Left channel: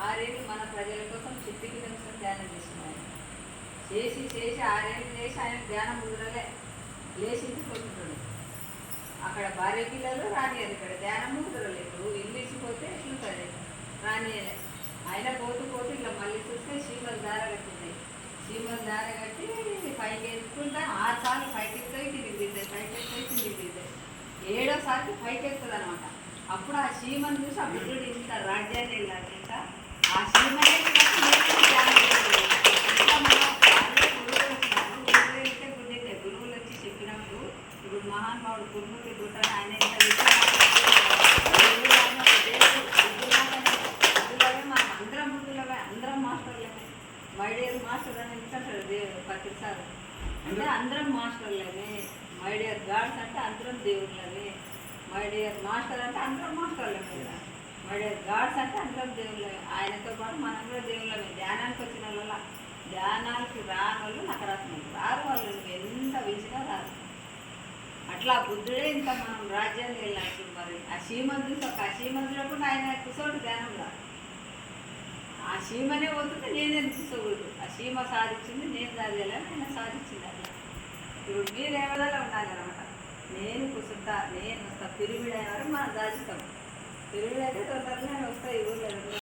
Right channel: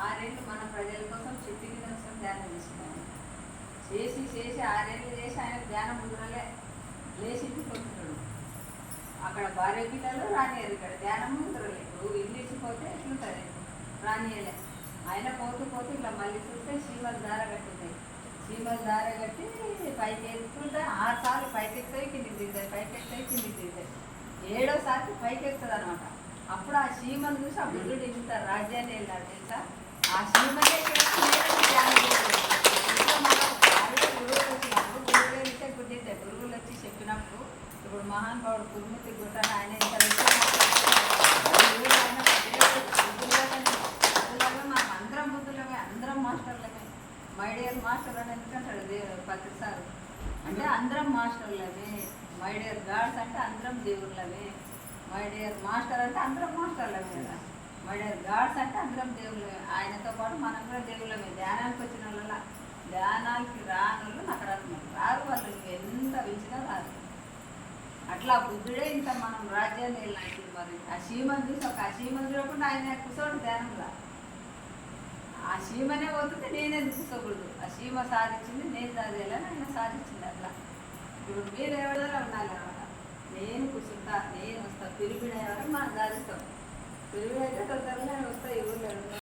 6 ఏళ్ళు మన ప్రజల కోసం చిట్టికి నిమిషం ధ్యానం చేసిన ఆయన చేసి చేసి 6 ఏళ్ళు చేసి ఆయన ధ్యానం కుదరలే, లేచింది కొట్టుతాడు. అక్కడ భార్య పిల్లలు రానియారు, ఇక్కడ ధ్యానము కుదరలే. ఇప్పుడు ఇల్లు ఇచ్చిపోతే ఎట్లుంటుంది, రానియలే. ఆయన పోతూ పోతూ ఇట్లా మళ్ళీ చూస్తే చీమలు దార కట్టినాయి. చీమలు దార కట్టి పైకి ఎత్తుకుంటే 6 సార్లు పైకి ఎక్కుతాయి, కిందికి దిగుతాయి, పైకి ఎక్కుతాయి, కిందికి దిగుతాయి. 7వసారికి పైకి ఎక్కుతుంది అనమాట. అప్పుడు ఆ చీమను చూసి ఆ బుద్ధుడు ఇంత రాజ్యాన్ని వెళ్ళాలి. ఇంకా ఆ చీమనే ఇంకా మనం వాళ్ళే గురువులు వచ్చినారు, గురువులు వెళ్తే గుర్తితే గురువులు వచ్చి చెప్పినప్పుడు ఇప్పుడు మహానుభావుడు కురుమూర్తి గుట్టాను ఆయన ఇంత ఆయన ఒక దేవుడు బుద్ధులాగానే. అందులోనే మనం అందరం బుద్ధులమే, అందరం మాస్టర్లమే. మై డియర్ మాస్టర్ అని ఎందుకంటాడు ప్రతిసారి, అంటే అందరం మాస్టర్లమే. మై డియర్ గాడ్స్ అంటే అందరం దేవుళ్ళమే. మై డియర్ మాస్టర్ అంటే అందరం మాస్టర్లమే కదా. మై డియర్ గాడ్స్ అంటే అందరం దేవుళ్ళమే. ఆయనతో పాటు మనం కూడా దేవుళ్ళమే. ధ్యానానికి వచ్చిన వాళ్ళ, ధ్యానానికి రాని వాళ్ళు నకరాత్మలు రారు, వాళ్ళు ఎంత పిలిచినా రారు. అట్లా బుద్ధుడే ఇంత మనం రాజ్యాన్ని వెళ్ళినట్టు. మరి ఆ చీమను చూసి ఒక చీమను చూడకుండా ఆయన కూర్చోడు ధ్యానంలో. ఆ చీమనే పోతుంటే నేనేది కూర్చోకూడదు. ఆ చీమ సాధించింది, నేను సాధించాలని ఆయన సాధించింది. అట్లా ఇప్పుడు మీరు ఎవరిదాకా ఉండాలి అనమాట. నేను కూర్చుంటా, నేను వస్తా, పిరిమిడ ఎవరు మనం సాధిస్తాం. పిరిమిడ అయితే తొందరగానే వస్తాయి ఊళ్ళో.